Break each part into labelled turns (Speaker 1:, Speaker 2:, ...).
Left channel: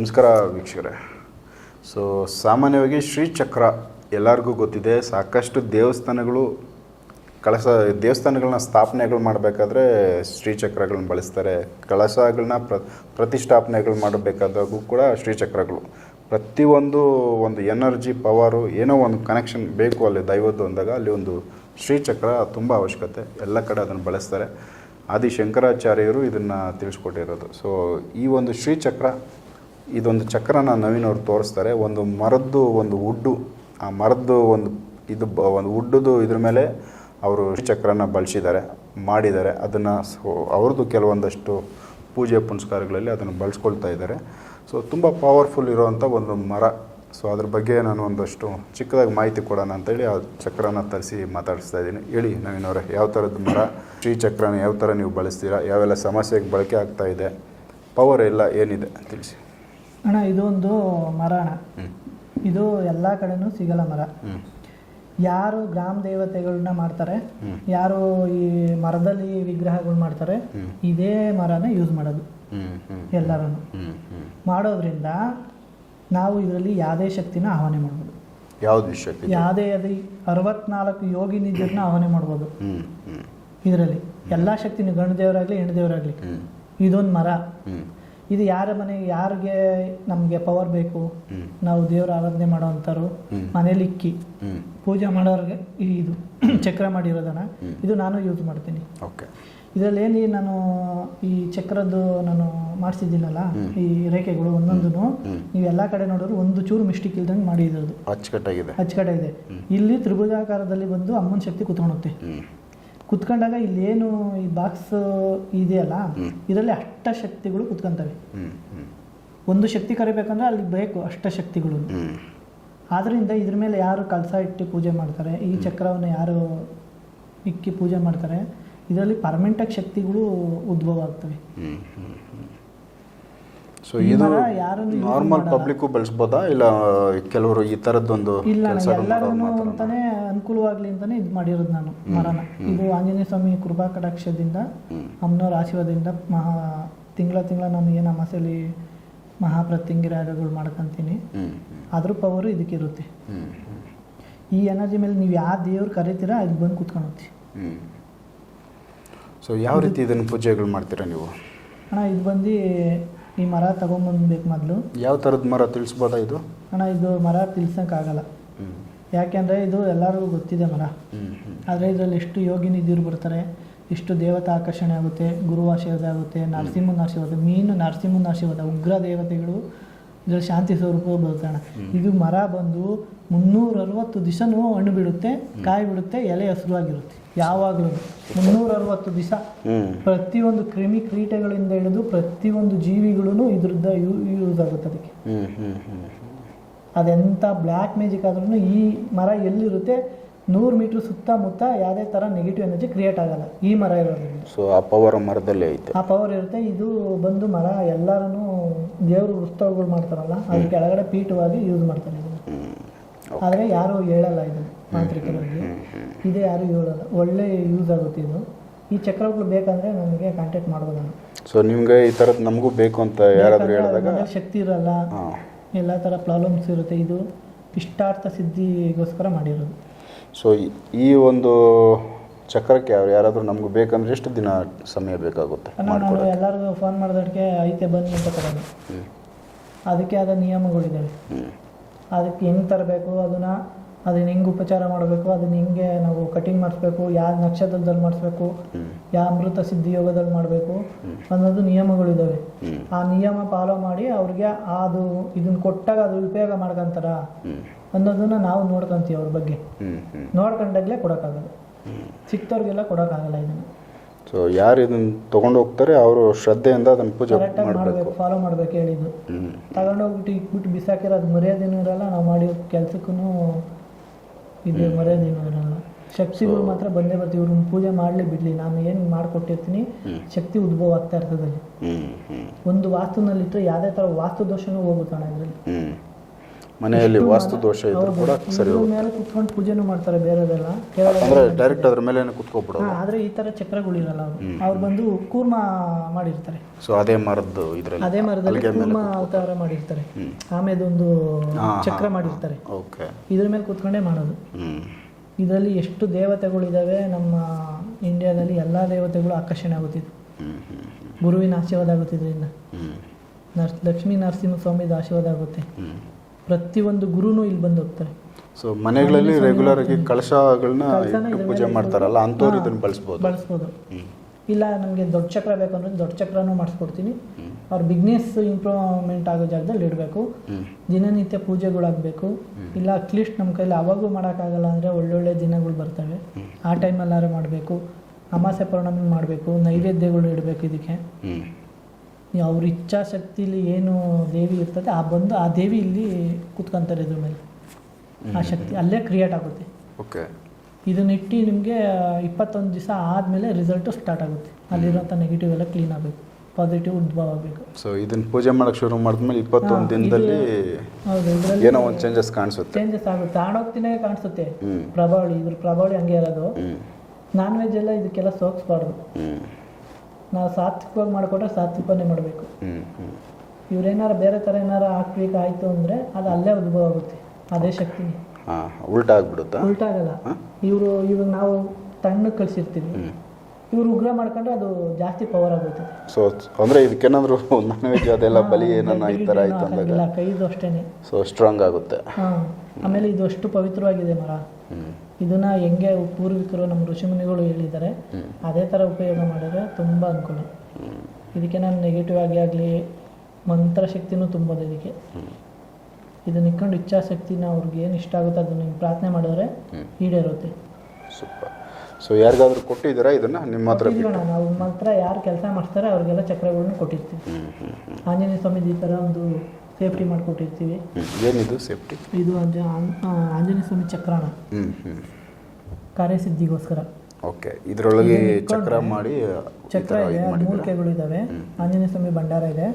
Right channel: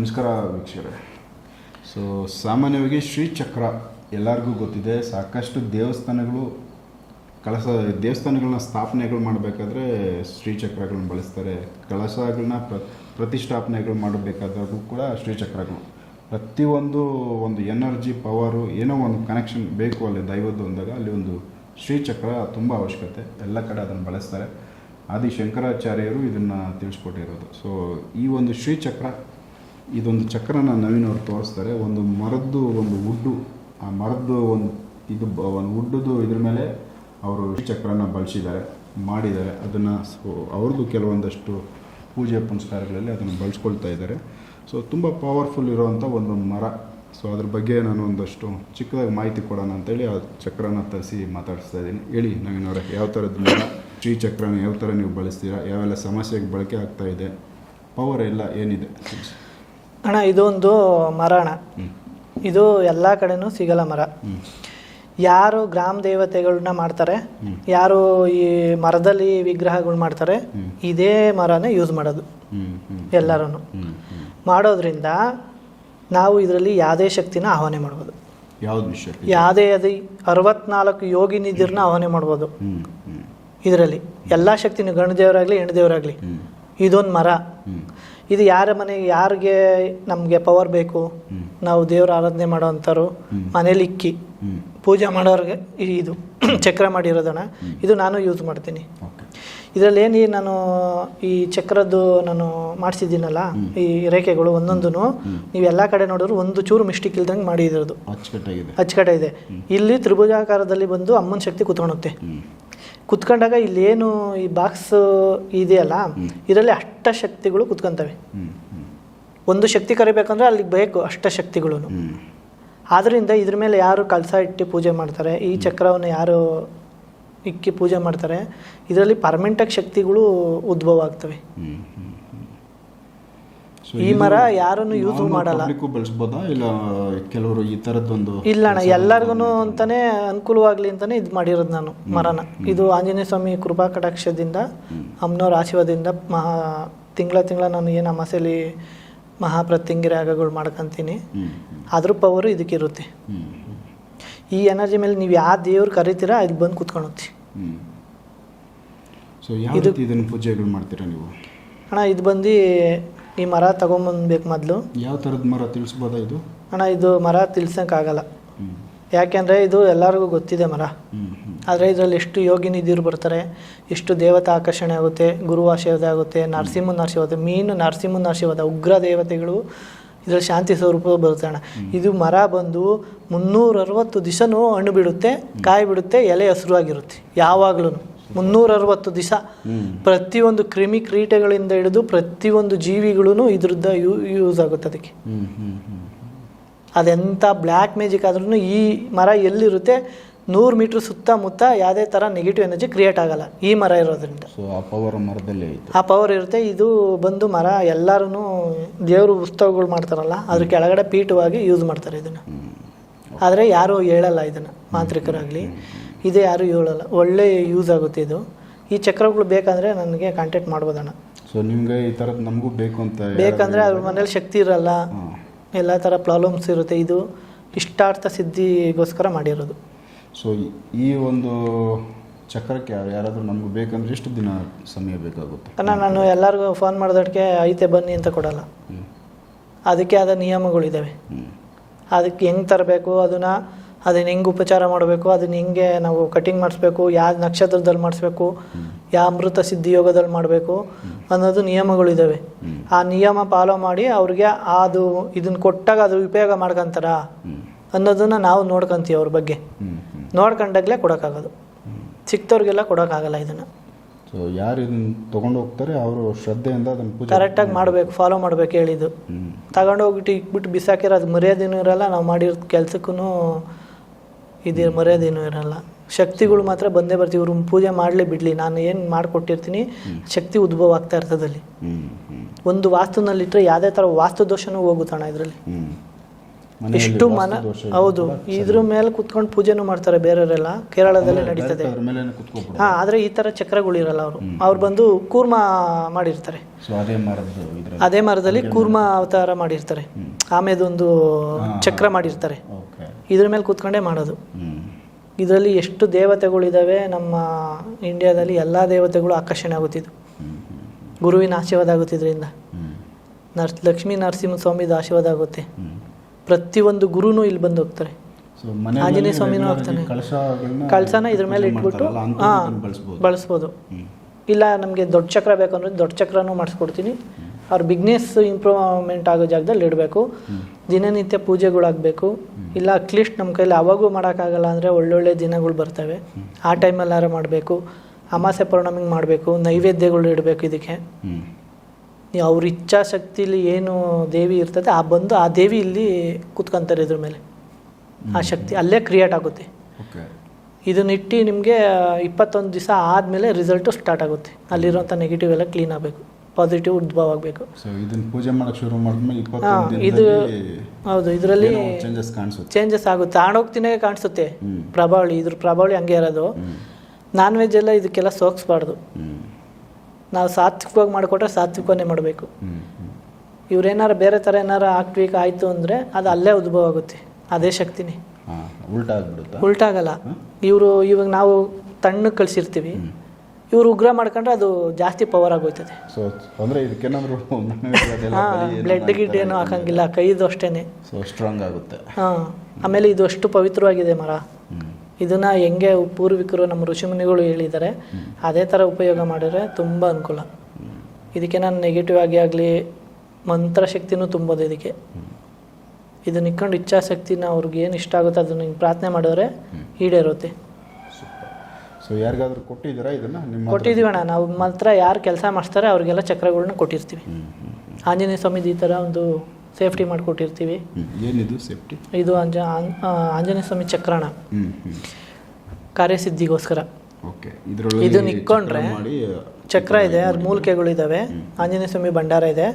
Speaker 1: ನಮಸ್ಕಾರ ವೀಕ್ಷಕರೇ. ಸೊ ಸಾಮಾನ್ಯವಾಗಿ ಶ್ರೀಚಕ್ರ ಎಲ್ಲರಿಗೂ ಗೊತ್ತಿದೆ, ಸಾಕಷ್ಟು ದೇವಸ್ಥಾನಗಳು ಕಳಸ ದೇವಸ್ಥಾನಗಳನ್ನ ಸ್ಥಾಪನೆಗಳು ಮಾಡಬೇಕಾದ್ರೆ ಶ್ರೀಚಕ್ರಗಳನ್ನ ಬಳಸ್ತಾರೆ. ಕಳಸಗಳನ್ನ ಪ್ರ, ಪ್ರತಿಷ್ಠಾಪನೆಗಳು ಮಾಡಬೇಕಾದಾಗೂ ಕೂಡ ಶ್ರೀಚಕ್ರಗಳು ಪ್ರತಿಯೊಂದು ಒಂದು ಎನರ್ಜಿ, ಪವರು ಏನೋ ಒಂದು ಕನೆಕ್ಷನ್ ಬೇಕು ಅಲ್ಲಿ ದೈವದ್ದು ಅಂದಾಗ ಅಲ್ಲಿ ಒಂದು ಶ್ರೀಚಕ್ರ ತುಂಬ ಅವಶ್ಯಕತೆ. ಎಲ್ಲ ಕಡೆ ಅದನ್ನು ಬಳಸ್ತಾರೆ. ಆದಿ ಶಂಕರಾಚಾರ್ಯರು ಇದನ್ನು ತಿಳಿಸ್ಕೊಟ್ಟಿರೋದು. ಸೊ ಈ ಒಂದು ಶ್ರೀಚಕ್ರ ಇದೊಂದು ಚಕ್ರನ ನವೀನ್ ಅವ್ರು ತೋರಿಸ್ತಾರೆ. ಒಂದು ಮರದ್ದು ಒಂದು ಉಡ್ಡು, ಆ ಮರದ್ದು ಒಂದು ಇದು ಒಂದು ಉಡ್ಡುದು ಇದ್ರ ಮೇಲೆ ಅವರು ಚಕ್ರನ ಬಳಸಿದ್ದಾರೆ, ಮಾಡಿದ್ದಾರೆ. ಅದನ್ನು ಅವ್ರದ್ದು ಕೆಲವೊಂದಷ್ಟು ಪೂಜೆ ಪುನಸ್ಕಾರಗಳಲ್ಲಿ ಅದನ್ನು ಬಳಸ್ಕೊಳ್ತಾ ಇದ್ದಾರೆ. ಸೊ ತುಂಬ ಪವರ್ಫುಲ್ ಇರೋವಂಥ ಒಂದು ಮರ. ಸೊ ಅದ್ರ ಬಗ್ಗೆ ನಾನು ಒಂದಷ್ಟು ಚಿಕ್ಕದಾಗಿ ಮಾಹಿತಿ ಕೊಡೋಣ ಅಂತೇಳಿ ಆ ಚಕ್ರನ ತರಿಸಿ ಮಾತಾಡಿಸ್ತಾ ಇದ್ದೀನಿ. ಹೇಳಿ ನವೀನ್ ಯಾವ ಥರದ ಮರ? ಶ್ರೀ ಚಕ್ರನ ಯಾವ ಥರ ನೀವು ಬಳಸ್ತೀರಾ? ಯಾವೆಲ್ಲ ಸಮಸ್ಯೆಗೆ ಬಳಕೆ ಆಗ್ತಾ ಇದೆ? ಪವರ್ ಎಲ್ಲ ಏನಿದೆ?
Speaker 2: ಅಣ್ಣ ಇದೊಂದು ಮರ ಅಣ್ಣ. ಇದು ಎಲ್ಲ ಕಡೆನೂ ಸಿಗಲ್ಲ ಮರ. ಯಾರು ಗ್ರಾಮ ದೇವತೆಗಳನ್ನ ಮಾಡ್ತಾರೆ ಯಾರು ಈ ಮರದಲ್ಲಿ ವಿಗ್ರಹಗಳು ಮಾಡ್ತಾರೆ. ಇದೇ ಮರನೇ ಯೂಸ್ ಮಾಡೋದು. ಎಲ್ಲರೂ ಮಾಡೋದ್ರಿಂದ ನಾವು ಇದರಲ್ಲಿ ಯಾವುದೇ ಶಕ್ತಿನ ಆಹ್ವಾನೆ ಮಾಡ್ಬೋದು.
Speaker 1: ಯಾವ್ದು
Speaker 2: ಅದು ಅರವತ್ನಾಲ್ಕು ಯೋಗಿ ನಿಧಿರ್ನ ಆಹ್ವಾನೆ ಮಾಡ್ಬೋದು. ಇದರಲ್ಲಿ. ಎಲ್ಲ ಶಕ್ತಿನೂ ಗಂಡು ದೇವರಾಗಲಿ ಹೆಣ್ಣು ದೇವರಾಗಲಿ. ಇದೊಂದು ಮರ. ಇದು ಯಾರ ಮನೆ ಯಾರಿಗೆ ನಮಗೆ ಪವರ್ ಬೇಕು? ನಾವು ದೇವರ ಆರಾಧನೆ ಮಾಡೋವಂಥವ್ರು. ಮನೇಲಿ ಇಕ್ಕಿ. ಪೂಜೆ ಮಾಡೋರಿಗೆ ಇದು ಚಕ್ರ ಮಾಡಿರೋದಣ್ಣ ಇದು ನಾನು ಯೂಸ್ ಮಾಡ್ತೀನಿ.
Speaker 1: ಓಕೆ.
Speaker 2: ಇದರಲ್ಲಿ ಏನು ನಾನು ಈ ಚಕ್ರದ್ದು ನಾನು ಮಾಡಿಸಿದ್ದೀನಲ್ಲ ಈ ರೇಖೆಗಳು ಒಂದೊಂದು ನೀವು ಎಲ್ಲ ಕಡೆ ನೋಡಿದ್ರು ಒಂದು ಚೂರು ಮಿಸ್ಟೇಕ್ ಇಲ್ದಂಗೆ ಮಾಡಿರೋದು.
Speaker 1: ಅಚ್ಚುಕಟ್ಟಾಗಿದೆ.
Speaker 2: ಅಚ್ಚುಕಟ್ಟಾಗಿದೆ. ಇದೆ ಇಲ್ಲಿ ತ್ರಿಭುಜಾಕಾರದಲ್ಲಿ ಬಂದು ಅಮ್ಮನ ಶಕ್ತಿ ಕುತ್ಕೊಳುತ್ತೆ. ಕುತ್ಕೊಂಡಾಗ ಇಲ್ಲೇನು ಈ ಬಾಕ್ಸ್ ಇದೆಯಲ್ಲ ಇದರಲ್ಲಿ ಅಷ್ಟಶಕ್ತಿಗಳು ಕುತ್ಕೊಂತವೆ. ಒಂದು ಶಕ್ತಿ ಕರಿಬೇಕಂದ್ರೆ ಅಲ್ಲಿಗೆ ಬೇಕು ಅಷ್ಟಶಕ್ತಿಗಳು
Speaker 1: ಶಕ್ತಿಗಳು
Speaker 2: ಆದ್ದರಿಂದ ಇದ್ರ ಮೇಲೆ ಯಾರು ಕಳಸ ಇಟ್ಟು ಪೂಜೆ ಮಾಡ್ತಾರೆ ಈ ಚಕ್ರವನ್ನು ಯಾರು ಇಕ್ಕಿ ಪೂಜೆ ಮಾಡ್ತಾರೆ ಇದರಲ್ಲಿ ಪರ್ಮೆಂಟಾಗಿ ಶಕ್ತಿಗಳು ಉದ್ಭವ ಆಗ್ತವೆ. ಈ ಮರ ಯಾರನ್ನು ಯೂಸ್ ಮಾಡಲ್ಲ.
Speaker 1: ಬಳಸ್ಬೋದಾ? ಇಲ್ಲ ಕೆಲವರು ಈ ಥರದ್ದೊಂದು
Speaker 2: ಇಲ್ಲ ಅಣ್ಣ ಎಲ್ಲರಿಗೂ ಅಂತಾನೆ ಅನುಕೂಲವಾಗ್ಲಿ ಅಂತಾನೆ ಇದು ಮಾಡಿರೋದು ನಾನು ಮರನ. ಇದು ಆಂಜನೇಯ ಸ್ವಾಮಿ ಕೃಪಾ ಕಟಾಕ್ಷದಿಂದ ಅಮ್ಮನವ್ರ ಆಶೀರ್ವಾದದಿಂದ ಮಹಾ ತಿಂಗಳ ತಿಂಗಳ ನಾನು ಏನು ಅಮಾಸೆಯಲ್ಲಿ ಮಹಾಪ್ರತಿಂಗಿ ಯಾಗಗಳು ಮಾಡ್ಕೊಂತೀನಿ. ಅದ್ರ ಪವರು ಇದಕ್ಕಿರುತ್ತೆ. ಈ ಎನರ್ಜಿ ಮೇಲೆ ನೀವು ಯಾವ ದೇವ್ರು ಕರಿತೀರಾ ಅಲ್ಲಿ ಬಂದು ಕುತ್ಕೊಳುತ್ತೆ
Speaker 1: ಸೊ ಯಾವ ರೀತಿ ಇದನ್ನು ಪೂಜೆಗಳು ಮಾಡ್ತೀರಾ ನೀವು?
Speaker 2: ಅಣ್ಣ ಇದು ಬಂದು ಈ ಮರ ತಗೊಂಬಂದ್ಬೇಕು ಮೊದಲು.
Speaker 1: ಯಾವ ಥರದ ಮರ ತಿಳಿಸ್ಬೋದಾ ಇದು?
Speaker 2: ಅಣ್ಣ ಇದು ಮರ ತಿಳ್ಸೋಕ್ಕಾಗಲ್ಲ. ಯಾಕೆಂದರೆ ಇದು ಎಲ್ಲರಿಗೂ ಗೊತ್ತಿದೆ ಮರ. ಆದರೆ ಇದರಲ್ಲಿ ಎಷ್ಟು ಯೋಗಿ ನಿಧಿರು ಬರ್ತಾರೆ ಎಷ್ಟು ದೇವತಾ ಆಕರ್ಷಣೆ ಆಗುತ್ತೆ ಗುರು ಆಶೀರ್ವಾದ ಆಗುತ್ತೆ ನರಸಿಂಹನ ಆಶೀರ್ವಾದ ಮೀನು ನರಸಿಂಹನ ಆಶೀರ್ವಾದ ಉಗ್ರ ದೇವತೆಗಳು ಇದರಲ್ಲಿ ಶಾಂತಿ ಸ್ವರೂಪ ಬರುತ್ತೆ ಅಣ್ಣ. ಇದು ಮರ ಬಂದು ಮುನ್ನೂರ ಅರವತ್ತು ದಿವಸನೂ ಹಣ್ಣು ಬಿಡುತ್ತೆ ಕಾಯಿ ಬಿಡುತ್ತೆ ಎಲೆ ಹಸಿರುವಾಗಿರುತ್ತೆ ಯಾವಾಗಲೂ ಮುನ್ನೂರ ಅರವತ್ತು ದಿವಸ ಪ್ರತಿಯೊಂದು ಕ್ರಿಮಿ ಕ್ರೀಟೆಗಳಿಂದ ಹಿಡಿದು ಪ್ರತಿಯೊಂದು ಜೀವಿಗಳೂ ಇದ್ರದ್ದು ಯೂ ಯೂಸ್ ಆಗುತ್ತೆ ಅದಕ್ಕೆ. ಅದೆಂಥ ಬ್ಲ್ಯಾಕ್ ಮ್ಯಾಜಿಕ್ ಆದ್ರೂ ಈ ಮರ ಎಲ್ಲಿರುತ್ತೆ? ನೂರು ಮೀಟ್ರ್ ಸುತ್ತಮುತ್ತ ಯಾವುದೇ ಥರ ನೆಗೆಟಿವ್ ಎನರ್ಜಿ ಕ್ರಿಯೇಟ್ ಆಗಲ್ಲ ಈ ಮರ ಇರೋದ್ರಿಂದ.
Speaker 1: ಸೊ ಆ ಪವರ್ ಮರದಲ್ಲಿ ಐತೆ
Speaker 2: ಆ ಪವರ್ ಇರುತ್ತೆ. ಇದು ಬಂದು ಮರ ಎಲ್ಲರೂ ದೇವರು ಉತ್ಸವಗಳು ಮಾಡ್ತಾರಲ್ಲ ಅದ್ರ ಕೆಳಗಡೆ ಪೀಠವಾಗಿ ಯೂಸ್ ಮಾಡ್ತಾರೆ ಇದನ್ನು. ಆದರೆ ಯಾರೂ ಹೇಳಲ್ಲ ಇದನ್ನು. ಮಾಂತ್ರಿಕರಾಗಲಿ ಇದೇ ಯಾರೂ ಹೇಳಲ್ಲ. ಒಳ್ಳೆ ಯೂಸ್ ಆಗುತ್ತೆ ಇದು. ಈ ಚಕ್ರಗಳು ಬೇಕಂದರೆ ನನಗೆ ಕಾಂಟ್ಯಾಕ್ಟ್ ಮಾಡ್ಬೋದಣ್ಣ.
Speaker 1: ಸೊ ನಿಮ್ಗೆ ಈ ಥರದ್ದು ನಮಗೂ ಬೇಕು ಅಂತ
Speaker 2: ಬೇಕಂದರೆ ಅವ್ರ ಮನೇಲಿ ಶಕ್ತಿ ಇರಲ್ಲ. ಎಲ್ಲ ಥರ ಪ್ರಾಬ್ಲಮ್ಸ್ ಇರುತ್ತೆ. ಇದು ಇಷ್ಟಾರ್ಥ ಸಿದ್ಧಿಗೋಸ್ಕರ ಮಾಡಿರೋದು.
Speaker 1: ಸೊ ಈ ಒಂದು ಚಕ್ರಕ್ಕೆ ಯಾರು ಯಾರಾದರೂ ನಮ್ಗೆ ಬೇಕಂದ್ರೆ ಎಷ್ಟು ದಿನ ಸಮಯ ಬೇಕಾಗುತ್ತೆ?
Speaker 2: ಅಣ್ಣ ನಾನು ಎಲ್ಲರಿಗೂ ಫೋನ್ ಮಾಡಿದಕ್ಕೆ ಐತೆ ಬನ್ನಿ ಅಂತ ಕೊಡಲ್ಲ ಅದಕ್ಕೆ ಆದ ನಿಯಮಗಳಿದ್ದಾವೆ ಅದಕ್ಕೆ ಹೆಂಗೆ ತರಬೇಕು ಅದನ್ನು ಅದನ್ನ ಹೆಂಗೆ ಉಪಚಾರ ಮಾಡಬೇಕು ಅದನ್ನ ಹೆಂಗೆ ನಾವು ಕಟಿಂಗ್ ಮಾಡಿಸ್ಬೇಕು ಯಾವ ನಕ್ಷತ್ರದಲ್ಲಿ ಮಾಡಿಸ್ಬೇಕು ಯಾವ ಅಮೃತ ಸಿದ್ಧಿ ಯೋಗದಲ್ಲಿ ಮಾಡಬೇಕು ಅನ್ನೋದು ನಿಯಮಗಳಿದ್ದಾವೆ. ಆ ನಿಯಮ ಫಾಲೋ ಮಾಡಿ ಅವ್ರಿಗೆ ಅದು ಇದನ್ನ ಕೊಟ್ಟಾಗ ಅದು ಉಪಯೋಗ ಮಾಡ್ಕೊಂತಾರ ಅನ್ನೋದನ್ನ ನಾವು ನೋಡ್ಕೊಂತೀವಿ ಅವ್ರ ಬಗ್ಗೆ. ನೋಡ್ಕೊಂಡಾಗಲೇ ಕೊಡೋಕ್ಕಾಗೋದು. ಸಿಕ್ತವ್ರಿಗೆಲ್ಲ ಕೊಡೋಕ್ಕಾಗಲ್ಲ ಇದನ್ನು.
Speaker 1: ಸೊ ಯಾರು ಇದನ್ನ ತೊಗೊಂಡು ಹೋಗ್ತಾರೆ ಅವರು ಶ್ರದ್ಧೆಯಿಂದ ಅದನ್ನ ಪೂಜೆ
Speaker 2: ಕರೆಕ್ಟಾಗಿ ಮಾಡಬೇಕು ಫಾಲೋ ಮಾಡ್ಬೇಕು ಹೇಳಿದ್ದು. ತಗೊಂಡೋಗ್ಬಿಟ್ಟು ಇಕ್ಬಿಟ್ಟು ಬಿಸಾಕಿರೋ ಅದು ಮರ್ಯಾದೆನೂ ಇರಲ್ಲ ನಾವು ಮಾಡಿರೋ ಕೆಲ್ಸಕ್ಕೂ ಇದು ಮರ್ಯಾದೆನೂ ಇರಲ್ಲ. ಶಕ್ತಿಗಳು ಮಾತ್ರ ಬಂದೇ ಬರ್ತೀವಿ. ಇವ್ರು ಪೂಜೆ ಮಾಡಲಿ ಬಿಡಲಿ. ನಾನು ಏನು ಮಾಡಿಕೊಟ್ಟಿರ್ತೀನಿ? ಶಕ್ತಿ ಉದ್ಭವ ಆಗ್ತಾ ಇರ್ತದೆ ಅಲ್ಲಿ
Speaker 1: ಹ್ಞೂ ಹ್ಞೂ
Speaker 2: ಒಂದು ವಾಸ್ತುನಲ್ಲಿಟ್ಟರೆ ಯಾವುದೇ ಥರ ವಾಸ್ತು ದೋಷನೂ ಹೋಗುತ್ತಣ್ಣ ಇದರಲ್ಲಿ. ಎಷ್ಟು ಮನ ಹೌದು. ಇದ್ರ ಮೇಲೆ ಕುತ್ಕೊಂಡು ಪೂಜೆನೂ ಮಾಡ್ತಾರೆ ಬೇರೆಯವರೆಲ್ಲ. ಕೇರಳದಲ್ಲಿ ಹಾ ಆದ್ರೆ ಈ ತರ ಚಕ್ರಗಳಿರಲ್ಲ ಅವರು. ಅವ್ರು ಬಂದು ಕೂರ್ಮ ಮಾಡಿರ್ತಾರೆ.
Speaker 1: ಅದೇ ಮರದ್ದು
Speaker 2: ಅದೇ ಮರದಲ್ಲಿ ಕೂರ್ಮ ಅವತಾರ ಮಾಡಿರ್ತಾರೆ. ಆಮೇಲೆ ಒಂದು ಚಕ್ರ ಮಾಡಿರ್ತಾರೆ.
Speaker 1: ಓಕೆ
Speaker 2: ಇದ್ರ ಮೇಲೆ ಕೂತ್ಕೊಂಡೇ ಮಾಡೋದು. ಇದರಲ್ಲಿ ಎಷ್ಟು ದೇವತೆಗಳಿದ್ದಾವೆ ನಮ್ಮ ಇಂಡಿಯಾದಲ್ಲಿ ಎಲ್ಲ ದೇವತೆಗಳು ಆಕರ್ಷಣೆ ಆಗುತ್ತಿದ್ದು. ಗುರುವಿನ ಆಶೀರ್ವಾದ ಆಗುತ್ತಿದ್ರಿಂದ.
Speaker 1: ಹ್ಮ್
Speaker 2: ನರ್ ಲಕ್ಷ್ಮೀ ನರಸಿಂಹ ಸ್ವಾಮಿದ ಆಶೀರ್ವಾದ ಆಗುತ್ತೆ. ಪ್ರತಿಯೊಂದು ಗುರುನು ಇಲ್ಲಿ ಬಂದು ಹೋಗ್ತಾರೆ. ಕಳಸನ ಇದ್ರ ಮೇಲೆ
Speaker 1: ಬಳಸ್ಬೋದು.
Speaker 2: ಇಲ್ಲ ನಮಗೆ ದೊಡ್ಡ ಚಕ್ರ ಬೇಕು ಅಂದ್ರೆ ದೊಡ್ಡ ಚಕ್ರನೂ ಮಾಡಿಸ್ಕೊಡ್ತೀನಿ. ಅವ್ರ ಬಿಗ್ನೆಸ್ ಇಂಪ್ರೂವ್ಮೆಂಟ್ ಆಗೋ ಜಾಗದಲ್ಲಿ ಇಡಬೇಕು. ದಿನನಿತ್ಯ ಪೂಜೆಗಳಾಗಬೇಕು. ಇಲ್ಲ ಅಟ್ಲೀಸ್ಟ್ ನಮ್ಮ ಕೈಲಿ ಅವಾಗೂ ಮಾಡೋಕ್ಕಾಗಲ್ಲ ಅಂದರೆ ಒಳ್ಳೊಳ್ಳೆ ದಿನಗಳು ಬರ್ತವೆ. ಆ ಟೈಮಲ್ಲಾರ ಮಾಡಬೇಕು. ಅಮಾಸೆ ಪೌರ್ಣಮಿಗೆ ಮಾಡಬೇಕು. ನೈವೇದ್ಯಗಳು ಇಡಬೇಕು ಇದಕ್ಕೆ. ಅವ್ರ ಇಚ್ಛಾಶಕ್ತಿಲಿ ಏನು ದೇವಿ ಇರ್ತದೆ ಆ ಬಂದು ಆ ದೇವಿ ಇಲ್ಲಿ ಕೂತ್ಕೊಂತಾರೆ ಇದ್ರ ಮೇಲೆ. ಆ ಶಕ್ತಿ ಅಲ್ಲೇ ಕ್ರಿಯೇಟ್ ಆಗುತ್ತೆ.
Speaker 1: ಓಕೆ.
Speaker 2: ಇದನ್ನಿಟ್ಟು ನಿಮಗೆ ಇಪ್ಪತ್ತೊಂದು ದಿವಸ ಆದಮೇಲೆ ರಿಸಲ್ಟು ಸ್ಟಾರ್ಟ್ ಆಗುತ್ತೆ. ಅಲ್ಲಿರುವಂಥ ನೆಗೆಟಿವ್ ಎಲ್ಲ ಕ್ಲೀನ್ ಆಗಬೇಕು. ಪಾಸಿಟಿವ್ ಉದ್ಭವ ಆಗಬೇಕು.
Speaker 1: ಸೊ ಇದನ್ನ ಪೂಜೆ ಮಾಡಕ್ ಶುರು ಮಾಡಿದ್ಮೇಲೆ ಇಪ್ಪತ್ತೊಂದು
Speaker 2: ಇದು ಹೌದು ಇದರಲ್ಲಿ
Speaker 1: ಏನೋ ಒಂದು ಚೇಂಜಸ್ ಕಾಣಿಸುತ್ತೆ.
Speaker 2: ಚೇಂಜಸ್ ಆಗುತ್ತೆ. ತಾಂಡೋಗ್ತಿನೇ ಕಾಣಿಸುತ್ತೆ. ಪ್ರಭಾವಳಿ ಇದ್ರ ಪ್ರಭಾವಳಿ ಹಂಗೆ ಇರೋದು. ನಾನ್ ವೆಜ್ ಎಲ್ಲ ಇದಕ್ಕೆಲ್ಲ ಸೋಕ್ಸ್ಬಾರ್ದು. ನಾವು ಸಾತ್ವಿಕವಾಗಿ ಮಾಡಿಕೊಟ್ರೆ ಸಾತ್ವಿಕವನ್ನೇ ಮಾಡಬೇಕು. ಇವ್ರೇನಾರು ಬೇರೆ ಥರ ಏನಾರು ಹಾಕ್ಬೇಕು ಆಯಿತು ಅಂದರೆ ಅದು ಅಲ್ಲೇ ಉದ್ಭವ ಆಗುತ್ತೆ. ಅದೇ ಶಕ್ತಿನೇ.
Speaker 1: ಉಲ್ಟಾ ಆಗ್ಬಿಡುತ್ತಾ?
Speaker 2: ಉಲ್ಟಾಗಲ್ಲ ಇವರು ಇವಾಗ ನಾವು ತಣ್ಣಗೆ ಕಳಿಸಿರ್ತೀವಿ. ಇವ್ರು ಉಗ್ರ ಮಾಡ್ಕೊಂಡ್ರೆ ಅದು ಜಾಸ್ತಿ ಪವರ್ ಆಗೋಯ್ತದೆ.
Speaker 1: ಸೊ ಅಂದ್ರೆ ಇದಕ್ಕೇನಾದ್ರು
Speaker 2: ಬ್ಲಡ್ ಗಿಡ್ ಏನು ಹಾಕಂಗಿಲ್ಲ ಕೈದು ಅಷ್ಟೇನೆ.
Speaker 1: ಸೊ ಸ್ಟ್ರಾಂಗ್ ಆಗುತ್ತೆ.
Speaker 2: ಹಾಂ ಆಮೇಲೆ ಇದು ಅಷ್ಟು ಪವಿತ್ರವಾಗಿದೆ ಮರ. ಇದನ್ನ ಹೆಂಗೆ ಪೂರ್ವಿಕರು ನಮ್ಮ ಋಷಿಮುನಿಗಳು ಹೇಳಿದ್ದಾರೆ ಅದೇ ಥರ ಉಪಯೋಗ ಮಾಡಿದ್ರೆ ತುಂಬ ಅನುಕೂಲ. ಇದಕ್ಕೆ ನಾನು ನೆಗೆಟಿವ್ ಆಗಿ ಆಗಲಿ ಮಂತ್ರಶಕ್ತಿನೂ ತುಂಬೋದು ಇದಕ್ಕೆ. ಇದನ್ನ ಇಕ್ಕೊಂಡು ಇಚ್ಛಾಶಕ್ತಿನ ಅವ್ರಿಗೆ ಏನು ಇಷ್ಟ ಆಗುತ್ತೆ ಅದನ್ನ ಪ್ರಾರ್ಥನೆ ಮಾಡಿದ್ರೆ ಈಡೇರುತ್ತೆ.
Speaker 1: ಸೊ ಯಾರಿಗಾದ್ರೂ ಕೊಟ್ಟಿದ್ದೀರಾ? ಇದನ್ನ ನಿಮ್ಮ ಹತ್ರ
Speaker 2: ಕೊಟ್ಟಿದ್ದೀವಣ್ಣ. ನಾವು ಮಾತ್ರ ಯಾರು ಕೆಲಸ ಮಾಡ್ತಾರೆ ಅವ್ರಿಗೆಲ್ಲ ಚಕ್ರಗಳನ್ನ ಕೊಟ್ಟಿರ್ತೀವಿ. ಆಂಜನೇಯ ಸ್ವಾಮಿದು ಈ ಥರ ಒಂದು ಸೇಫ್ಟಿ ಮಾಡಿಕೊಟ್ಟಿರ್ತೀವಿ.
Speaker 1: ಏನಿದು ಸೇಫ್ಟಿ?
Speaker 2: ಇದು ಆಂಜ ಆಂಜನೇಯ ಸ್ವಾಮಿ ಚಕ್ರಣ. ಕಾರ್ಯಸಿದ್ಧಿಗೋಸ್ಕರ.
Speaker 1: ಓಕೆ. ಇದರೊಳಗೆ
Speaker 2: ಇದನ್ನ ನಿಕ್ಕೊಂಡ್ರೆ
Speaker 1: ಮಾಡಿ
Speaker 2: ಚಕ್ರ ಇದೆ ಅದ್ರ ಮೂಲಿಕೆಗಳಿದ್ದಾವೆ ಆಂಜನೇಯ ಸ್ವಾಮಿ ಭಂಡಾರ ಇದೆ.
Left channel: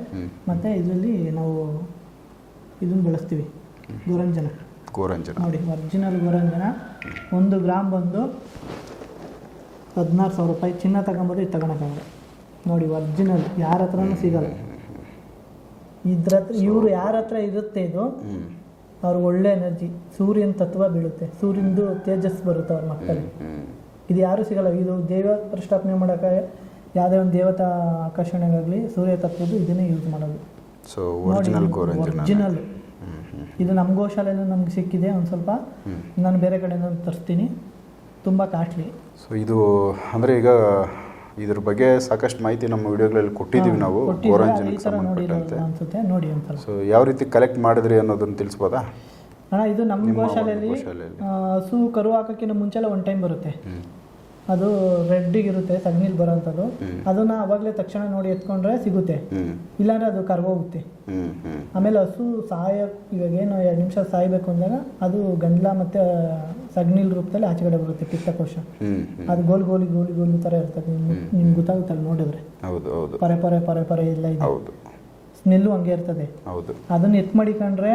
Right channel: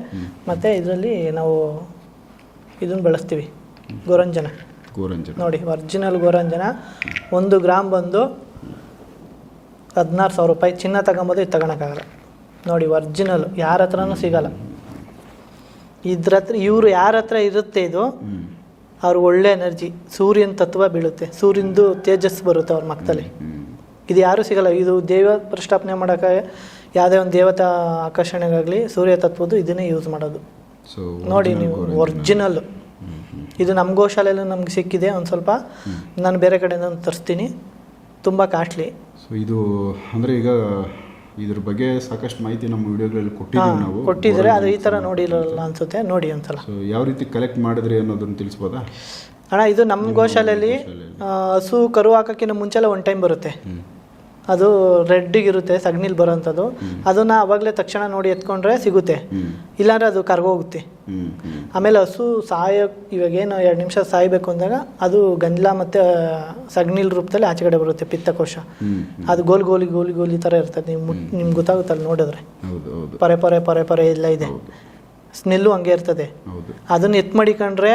Speaker 2: ಮತ್ತು ಇದರಲ್ಲಿ ನಾವು ಇದನ್ನು ಬಳಸ್ತೀವಿ. ಗೋರಂಜನ.
Speaker 1: ಗೋರಂಜನ.
Speaker 2: ನೋಡಿ ಒರಿಜಿನಲ್ ಗೋರಂಜನ. ಒಂದು ಗ್ರಾಮ್ ಬಂದು ಹದಿನಾರು ಸಾವಿರ ರೂಪಾಯಿ ಚಿನ್ನ ತಗೊಂಬೋದು ಇದು ತಗೊಳಕ್ಕಾಗಲ್ಲ. ನೋಡಿ ಒರ್ಜಿನಲ್ ಯಾರ ಹತ್ರನೂ ಸಿಗಲ್ಲ. ಇದ್ರ ಹತ್ರ ಇವರು ಯಾರ ಹತ್ರ ಇರುತ್ತೆ ಇದು ಅವ್ರ ಒಳ್ಳೆ ಎನರ್ಜಿ ಸೂರ್ಯನ ತತ್ವ ಬೀಳುತ್ತೆ. ಸೂರ್ಯಂದು ತೇಜಸ್ ಬರುತ್ತೆ ಅವ್ರ ಮಕ್ಕದಲ್ಲಿ ಇದು ಯಾರೂ ಸಿಗಲ್ಲ. ಇದು ದೇವ ಪ್ರಸ್ಥಾಪನೆ ಮಾಡೋಕ್ಕೆ ಯಾವುದೇ ಒಂದು ದೇವತಾ ಆಕರ್ಷಣೆಗಾಗಲಿ ಸೂರ್ಯ ತತ್ವದ್ದು ಇದನ್ನೇ ಯೂಸ್ ಮಾಡೋದು.
Speaker 1: ಸೊ
Speaker 2: ನೋಡಿ ನೀವು ಒರಿಜಿನಲ್
Speaker 1: ಹ್ಮ್ ಹ್ಮ್.
Speaker 2: ಇದು ನಮ್ಮ ಗೋಶಾಲೆಯಲ್ಲೂ ನಮ್ಗೆ ಸಿಕ್ಕಿದೆ ಒಂದು ಸ್ವಲ್ಪ. ನಾನು ಬೇರೆ ಕಡೆಯಿಂದ ತರಿಸ್ತೀನಿ. ತುಂಬ ಕಾಸ್ಟ್ಲಿ
Speaker 1: ಸೊ ಇದು ಅಂದರೆ ಈಗ ಇದ್ರ ಬಗ್ಗೆ ಸಾಕಷ್ಟು ಮಾಹಿತಿ ನಮ್ಮ ವಿಡಿಯೋಗಳಲ್ಲಿ ಕೊಟ್ಟಿದ್ದೀವಿ ನಾವು.
Speaker 2: ಕೊಟ್ಟಿದ್ರೆ ಅದು ಈ ಥರ ನೋಡಿರಲ್ಲ ಅನ್ಸುತ್ತೆ ನೋಡಿ ಒಂದ್ಸಲ.
Speaker 1: ಸೊ ಯಾವ ರೀತಿ ಕಲೆಕ್ಟ್ ಮಾಡಿದ್ರಿ ಅನ್ನೋದನ್ನ ತಿಳಿಸ್ಬೋದಾ?
Speaker 2: ಅಣ್ಣ ಇದು ನಮ್ಮ ಗೋಶಾಲೆಯಲ್ಲಿ. ಹಸು ಕರು ಹಾಕೋಕ್ಕಿಂತ ಮುಂಚೆಲ್ಲ ಒನ್ ಟೈಮ್ ಬರುತ್ತೆ. ಅದು ರೆಡ್ಡಿಗಿರುತ್ತೆ ಸಗಣಿಲಿ ಬರೋಂಥದ್ದು. ಅದನ್ನ ಅವಾಗಲೇ ತಕ್ಷಣ ನೋಡಿ ಎತ್ಕೊಂಡ್ರೆ ಸಿಗುತ್ತೆ. ಇಲ್ಲಾಂದ್ರೆ ಅದು ಕರ್ಗೋಗುತ್ತೆ. ಆಮೇಲೆ ಹಸು ಸಾಯ ಇವಾಗೇನು ಎರಡು ನಿಮಿಷ ಸಾಯಬೇಕು ಅಂದಾಗ ಅದು ಗಂಜಲ ಮತ್ತು ಸಗ್ನಿಲ್ ರೂಪದಲ್ಲಿ ಆಚೆ ಕಡೆ ಬರುತ್ತೆ ಪಿತ್ತಕೋಶ. ಅದು ಗೋಲ್ ಗೋಲಿ ಗೋಲಿ ಗೋಲಿ ಥರ ಇರ್ತದೆ. ನೀವು ಮುಟ್ ನಿಮ್ಗೆ ಗೊತ್ತಾಗುತ್ತಲ್ಲ ನೋಡಿದ್ರೆ. ಪರೆ ಪರೆ ಪರೆ ಪರೆ ಎಲ್ಲ ಇದೆ. ಸ್ಮೆಲ್ಲು ಹಂಗೆ ಇರ್ತದೆ. ಅದನ್ನ ಎತ್ ಮಾಡಿಕೊಂಡ್ರೆ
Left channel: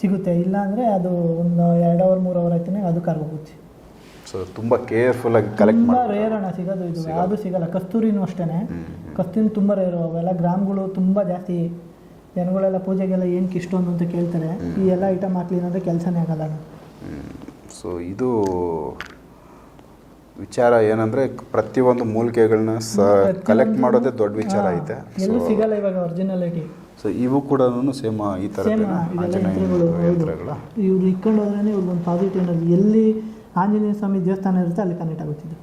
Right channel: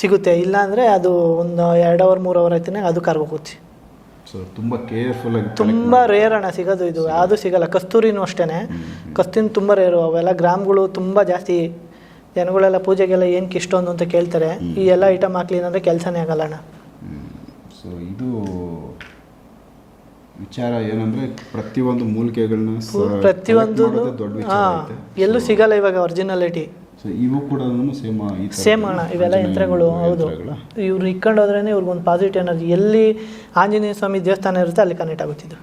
Speaker 2: ಸಿಗುತ್ತೆ. ಇಲ್ಲ ಅಂದರೆ ಅದು ಒಂದು ಎರಡು ಅವರ್ ಮೂರು ಅವರ್ ಆಯ್ತಾನೆ ಅದು ಕರ್ಗೋಗುತ್ತೆ.
Speaker 1: ಸೊ ತುಂಬಾ ಕೇರ್ಫುಲ್ ಆಗಿ
Speaker 2: ತುಂಬ ರೇರ್ ಅಣ್ಣ ಸಿಗೋದು ಇದು. ಯಾವುದು ಸಿಗಲ್ಲ. ಕಸ್ತೂರಿನೂ ಅಷ್ಟೇ ಕಸ್ತೂರಿನ ತುಂಬ ರೇರು ಅವೆಲ್ಲ ಗ್ರಾಮ್ಗಳು ತುಂಬ ಜಾಸ್ತಿ ಜನಗಳೆಲ್ಲ ಪೂಜೆಗೆಲ್ಲ ಏನಕ್ಕೆ ಇಷ್ಟೊಂದು ಅಂತ ಕೇಳ್ತಾರೆ. ಈ ಎಲ್ಲ ಐಟಮ್ ಹಾಕ್ಲಿ ಅಂದರೆ ಕೆಲಸನೇ ಆಗಲ್ಲ ಅಣ್ಣ.
Speaker 1: ಸೊ ಇದು ವಿಚಾರ ಏನಂದ್ರೆ ಪ್ರತಿಯೊಂದು ಮೂಲಿಕೆಗಳನ್ನ
Speaker 2: ಪ್ರತಿಯೊಂದು
Speaker 1: ಮಾಡೋದೇ ದೊಡ್ಡ ವಿಚಾರ ಐತೆ.
Speaker 2: ಎಲ್ಲೂ ಸಿಗಲ್ಲ ಇವಾಗ ಒರಿಜಿನಾಲಿಟಿ
Speaker 1: ಸೊ ಇವು ಕೂಡ ಸೇಮ್ ಈ
Speaker 2: ಸೇಮ್ ಅಣ್ಣ ಇವೆಲ್ಲ ಯಂತ್ರಗಳು ಹೌದು. ಇವ್ರು ಇಕ್ಕೊಂಡು ಹೋದ್ರೇ ಇವ್ರಿಗೊಂದು ಪಾಸಿಟಿವ್ ಎನರ್ಜಿ ಎಲ್ಲಿ ಆಂಜನೇಯ ಸ್ವಾಮಿ ದೇವಸ್ಥಾನ ಇರುತ್ತೆ ಅಲ್ಲಿ ಕನೆಕ್ಟ್ ಆಗುತ್ತಿದ್ದು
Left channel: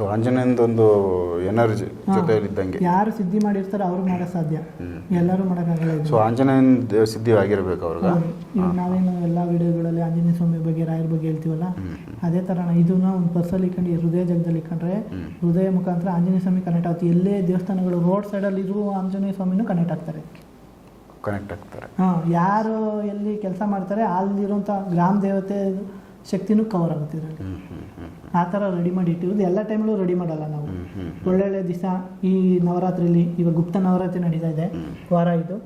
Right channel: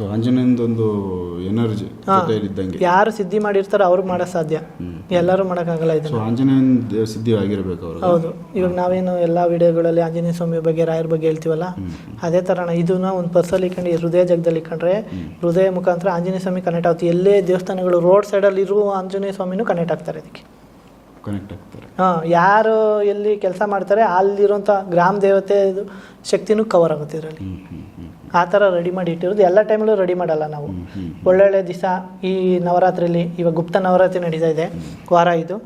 Speaker 1: ಸೊ ಒಂದು ಎನರ್ಜಿ. ಇದ್ದಂಗೆ
Speaker 2: ಯಾರು ಸಿದ್ಧಿ ಮಾಡಿರ್ತಾರೋ ಅವ್ರು ಮಾಡೋಕೆ ಸಾಧ್ಯ. ಎಲ್ಲರೂ ಮಾಡೋಕ್ಕಾಗಲ್ಲ ಇದು
Speaker 1: ಸೊ ಆಂಜನೇಯನ್ ಸಿದ್ಧಿ ಆಗಿರ್ಬೇಕು ಅವರು.
Speaker 2: ಹೌದು. ಇವಾಗ ನಾವೇನು ಎಲ್ಲ ವಿಡಿಯೋಗಳಲ್ಲಿ ಆಂಜನೇಯ ಸ್ವಾಮಿ ಬಗ್ಗೆ ರಾಯರ ಬಗ್ಗೆ ಹೇಳ್ತೀವಲ್ಲ? ಅದೇ ಥರನ ಇದನ್ನ ಒಂದು ಪರ್ಸಲ್ಲಿ ಇಟ್ಕೊಂಡು ಹೃದಯ ಜಗದಲ್ಲಿ ಇಟ್ಕೊಂಡ್ರೆ ಹೃದಯ ಮುಖಾಂತರ ಆಂಜನೇಯ ಸ್ವಾಮಿ ಕನೆಕ್ಟ್ ಆಗುತ್ತೆ. ಎಲ್ಲೇ ದೇವಸ್ಥಾನಗಳು ರೋಡ್ ಸೈಡಲ್ಲಿ ಇರುವ ಆಂಜನೇಯ ಸ್ವಾಮಿನೂ ಕನೆಕ್ಟ್ ಆಗ್ತಾರೆ ಇದಕ್ಕೆ.
Speaker 1: ಕನೆಕ್ಟ್ ಆಗ್ತಾರೆ.
Speaker 2: ಹಾಂ ಯಾರು ಎಲ್ಲಿ ಕೆಲಸ ಮಾಡ್ತಾರೆ ಅಲ್ಲಿರುವಂಥ ಗ್ರಾಮ ದೇವತೆ ಶಕ್ತಿನೂ ಕವರ್ ಆಗುತ್ತೆ ಇದರಲ್ಲಿ. ಆ ಥರ ರೆಡಿ ಮಾಡಿ ಇಟ್ಟಿರೋದು. ಎಲ್ಲ ಟೈಮಲ್ಲೂ ರೆಡಿ ಮಾಡಲ್ಲ ನಾವು. ಒಳ್ಳೊಳ್ಳೆ ದಿವಸ ಈ ನವರಾತ್ರಿಯಲ್ಲಿ ಇವಾಗ ಗುಪ್ತ ನವರಾತ್ರಿ ನಡೀತಾ ಇದೆ ವಾರ ಇದು.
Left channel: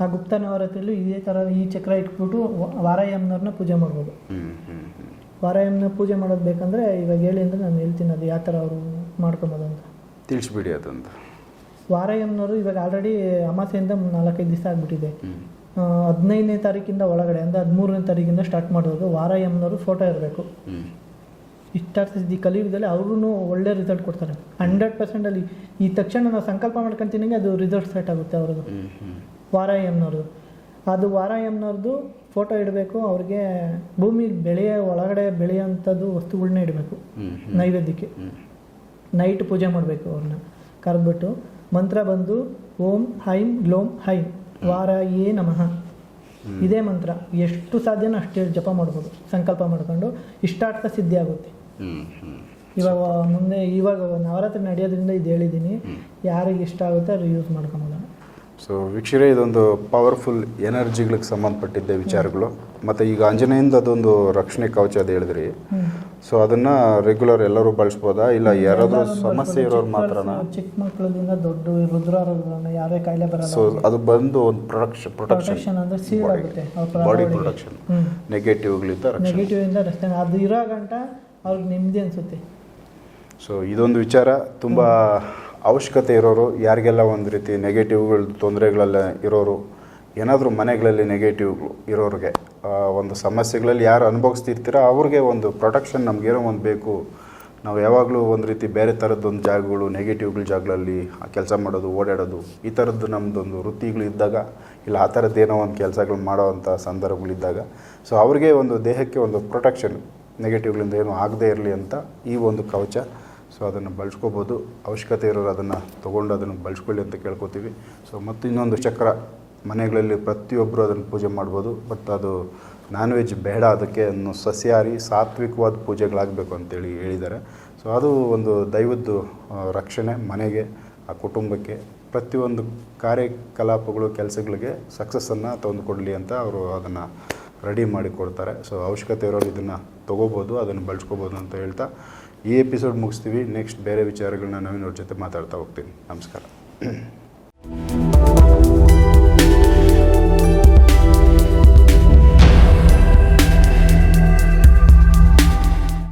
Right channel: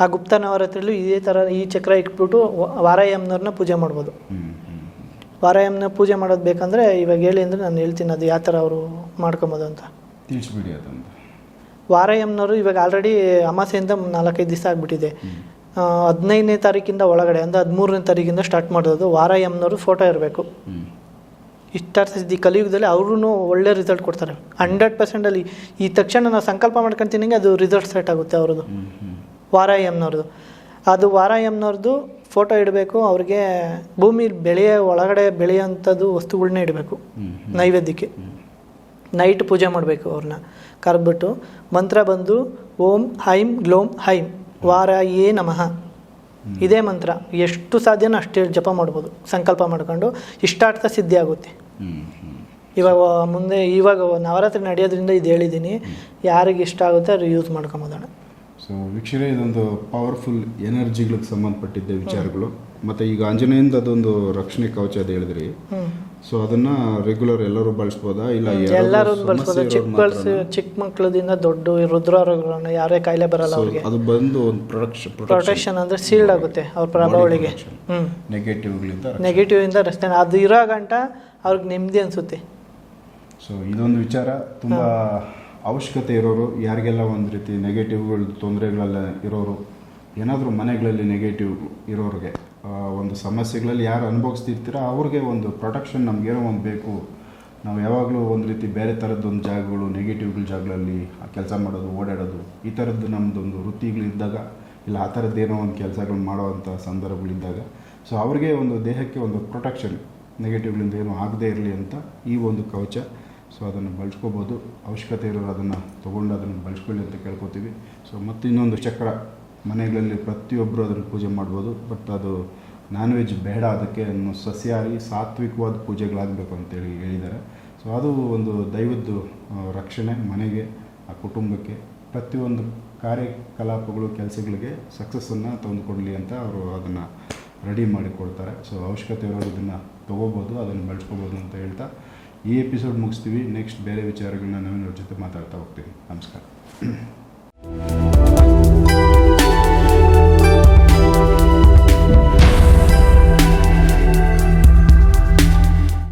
Speaker 2: ಆ ಗುಪ್ತ ನವರಾತ್ರಿಯಲ್ಲೂ ಇದೇ ಥರ ಈ ಚಕ್ರ ಇಟ್ಬಿಟ್ಟು ವಾರಾಯಮ್ನವ್ರನ್ನ ಪೂಜೆ ಮಾಡ್ಬೋದು. ವಾರಾಯಮ್ನ ಪೂಜೆ ಮಾಡೋದು ಬೇಕಂದರೆ ಇವಾಗ ಹೇಳಿ ಅಂದರೆ ನಾನು ಹೇಳ್ತೀನಿ ಅದು ಯಾವ ಥರ ಅವರು ಮಾಡ್ಕೊಬೋದು ಅಂತ.
Speaker 1: ತಿಳಿಸ್ಬಿಡಿ ಅದಂತ.
Speaker 2: ವಾರಾಯಮ್ಮನವರು ಇವಾಗ ಆಲ್ರೆಡಿ ಅಮಾಸೆಯಿಂದ ನಾಲ್ಕೈದು ದಿವಸ ಆಗಿಬಿಟ್ಟಿದೆ. ಹದಿನೈದನೇ ತಾರೀಕಿಂದ ಒಳಗಡೆ ಅಂದರೆ ಹದಿಮೂರನೇ ತಾರೀಕಿಂದ ಸ್ಟಾರ್ಟ್ ಮಾಡೋದು. ವಾರಾಯಮ್ನವರು ಫೋಟೋ ಇರಬೇಕು.
Speaker 1: ಹ್ಞೂ
Speaker 2: ಸಿದ್ಧಿ ಈ ಕಲಿಯುಗದಲ್ಲಿ ಅವ್ರೂ ಒಳ್ಳೆ ರಿಸಲ್ಟ್ ಕೊಡ್ತಾರೆ. ಹಂಡ್ರೆಡ್ ಪರ್ಸೆಂಟಲ್ಲಿ ಈ ತಕ್ಷಣ ನಾನು ಸಂಕಲ್ಪ ಮಾಡ್ಕೊಂತೀನಿ ಅದು ರಿಸಲ್ಟ್ ಸೆಟ್ ಆಗುತ್ತೆ ಅವ್ರದ್ದು.
Speaker 1: ವಾರ
Speaker 2: ಎಮ್ನವ್ರದ್ದು ಅದು ವಾರ ಎಮ್ನವ್ರದ್ದು ಫೋಟೋ ಇಡಬೇಕು ಅವ್ರಿಗೆ ಭೂಮಿ ಬೆಳೆಯ ಒಳಗಡೆ ಬೆಳೆಯೋಂಥದ್ದು ವಸ್ತುಗಳನ್ನ ಇಡಬೇಕು. ನೈವೇದ್ಯಕ್ಕೆ. ನೈಟ್ ಪೂಜೆ ಮಾಡಬೇಕು ಅವ್ರನ್ನ. ಕರೆದ್ಬಿಟ್ಟು ಮಂತ್ರ ಬಂದು ಓಂ ಹೈಂ ಗ್ಲೋಂ ಹೈಂ ಏ ನಮಃ. ಇದೇ ಮಂತ್ರ. ಎಷ್ಟು ಸಾಧ್ಯನೋ ಅಷ್ಟೇ ಜಪ ಮಾಡ್ಬೋದು. ಸಂಕಲ್ಪ ಮಾಡ್ಕೊಂಡು ಇಷ್ಟಾರ್ಥ ಸಿದ್ಧಿ ಆಗುತ್ತೆ. ಇವಾಗ ಮುಂದೆ ಇವಾಗ ನವರಾತ್ರಿ ನಡೆಯೋದ್ರಿಂದ ಇದು ಹೇಳಿದ್ದೀನಿ. ಯಾರಿಗೆ ಇಷ್ಟ ಆಗುತ್ತೆ ಅದು ಯೂಸ್ ಮಾಡ್ಕೊಂಬೋದಣ್ಣ.
Speaker 1: ಸೊ ವೀಕ್ಷರೇ ಇದೊಂದು ಪವರ್ಫುಲ್ ಎನರ್ಜಿಗಳಿಗೆ ಸಂಬಂಧಪಟ್ಟಿದ್ದೆ ವಿಚಾರಗಳು. ಮತ್ತು ಈಗ ಆಂಜನೇಯಿಂದ ಅದೊಂದು ರಕ್ಷಣೆ ಕವಚ ಅದು ಹೇಳಿದ್ರಿ. ಸೊ ಅದನ್ನ ರೆಗ್ಯುಲರ್ ಎಲ್ಲರೂ ಬಳಸ್ಬೋದಾ? ಇಲ್ಲ
Speaker 2: ಎಲ್ಲರೂ ಬಳಸ್ಬೋದು? ಚಿಕ್ಕ? ಚಿಕ್ಕ ಮಕ್ಕಳದಿಂದ ದೊಡ್ಡ ರುದ್ರಗಳನ್ನ ಯಾರೇ ಕಾಯಿಲೆ ಬರಲ್ಲ
Speaker 1: ಅದು ಬಂದು ಒಂದು ಪ್ರೊಡಕ್ಷನ್
Speaker 2: ಪ್ರೊಟೆಕ್ಷನ್ ಅಂದರೆ ಸೀಲ್ಡ್ ಆಗುತ್ತೆ ಅವ್ರ ಪ್ರಭಾವಳಿಗೆ ನೆಗೆಟಿವ್
Speaker 1: ನೆಗೆಟಿವ್ಗಳಿಂದ
Speaker 2: ನೆಗೆಟಿವ್ ಇಂದ ರಸ್ತೆ ಅದು ಇರೋ ಗಂಟ ಅವ್ರಿಗೆ ನೆಮ್ಮದಿ ಅನಿಸುತ್ತೆ.
Speaker 1: ಸೊ ಇದೊಂದು ವಿಚಾರ ತುಂಬ ಅವಶ್ಯಕತೆ ಇರೋರು ಯಾರಿಗೆಲ್ಲ ಒಂದು ರೀತಿ ನೆಗೆಟಿವ್ಗಳು ತೊಂದರೆಗಳೆಲ್ಲ ಇರೋರು ಏನಾದರೂ ಮನೆಗಳಲ್ಲಿ ನೆಗೆಟಿವ್ ಇರೋರಿಗೆ ಒಂದು ಸಮಸ್ಯೆಗಳಲ್ಲಿ ಯಾರು ಅನುಭವಿಸ್ತಿರ್ತೀರ ಅವ್ರಿಗೆ ಒಂದು ಪ್ರೊಟೆಕ್ಷನ್ ನಮಗೇನೋ ಒಂದು ಬೇಕು. ನಾವು ಯಾವಾಗಲೂ ಒಂದು ರೀತಿ ಬೇರೆ ಥರದ್ದೊಂದು ಜಾಗಗಳು ನೆಗೆಟಿವ್ಗಳ ಜಾಗಗಳಲ್ಲಿ ಕೆಲಸ ಮಾಡೋದು ಓಡಾಡೋದು ಈ ಥರದ್ದು ನಮ್ಮದೊಂದು ವೃತ್ತಿಗಳು ಇದ್ದಾಗ ಇಲ್ಲ ಆ ಥರದ್ದೇನೋ ಒಂದು ಕೆಲಸಗಳು ಮಾಡೋವಂಥ ಸಂದರ್ಭಗಳಿದ್ದಾಗ ಸೊ ಅವ್ರಿಗೆ ಒಂದು ದೇಹಕ್ಕೆ ಒಂದು ಪ್ರೊಟೆಕ್ಷನ್ ನೆಗೆಟಿವ್ಗಳಿಂದ ಏನೂ ಆಗದೇ ಇರಲಿ ಅಂತ ಈ ಒಂದು ಕವಚ. ಸೊ ಅದನ್ನು ಬಳಸ್ಕೋಬೋದು. ಅವಶ್ಯಕತೆ ಇರೋರು ಅದನ್ನು ತೊಗೊಂಡು ಅದನ್ನು ಬಳಸ್ಕೊಳ್ಳಿ ಅಂತ ಕೇಳ್ಕೊತೀವಿ. ಸೊ ಮತ್ತು ಇನ್ನೊಂದು ಚಕ್ರ. ಮನೆಗಳಲ್ಲಿ ಪ್ರತಿಯೊಬ್ಬರು ಅದನ್ನು ಪೂಜೆ ಮಾಡ್ಬೋದು. ಬಟ್ ಅದು ನಾನ್ ವೆಜ್ ಬೇಡ ಅದಕ್ಕೆ ಇನ್ನು ಸಸ್ಯಾಹಾರಿ, ಸಾತ್ವಿಕವಾದ ಪೂಜೆಗಳಾಗಬೇಕು ಅಂತೇಳಿ ಹೇಳಿದ್ದಾರೆ. ಸೊ ಅದು ಒಂದು ದೈವದ್ದು ರಕ್ಷಣೆ ಮನೆಗೆ, ಆ ಕುಟುಂಬಕ್ಕೆ, ಪ್ರತಿಯೊಂದು ಕಾರ್ಯಕಲಾಪಗಳು, ಕೆಲಸಗಳಿಗೆ ಸಕ್ಸಸ್ಸನ್ನು ತಂದುಕೊಡಲಿ ಅಂತ ಅವರು ಅದನ್ನು ರೆಡಿ ಮಾಡಿ ಕೊಡ್ತಾರೆ ಸೊ ಅವಶ್ಯಕತೆ ಇರೋರು ಇದನ್ನು ತೊಗೋಬೋದು, ಅದನ್ನು ಬಳಸ್ಕೋಬೋದು ಅಂತ ಹೇಳ್ತಾ ಈ ಎಪಿಸೋಡ್ ಮುಗಿಸ್ತೀವಿ. ನೆಕ್ಸ್ಟ್ ಬೇರೆ ವಿಚಾರಗಳನ್ನ ನಾವಿನ ಅವ್ರ ಜೊತೆ ಮಾತಾಡ್ತಾ ಹೋಗ್ತೀನಿ ನಮಸ್ಕಾರ.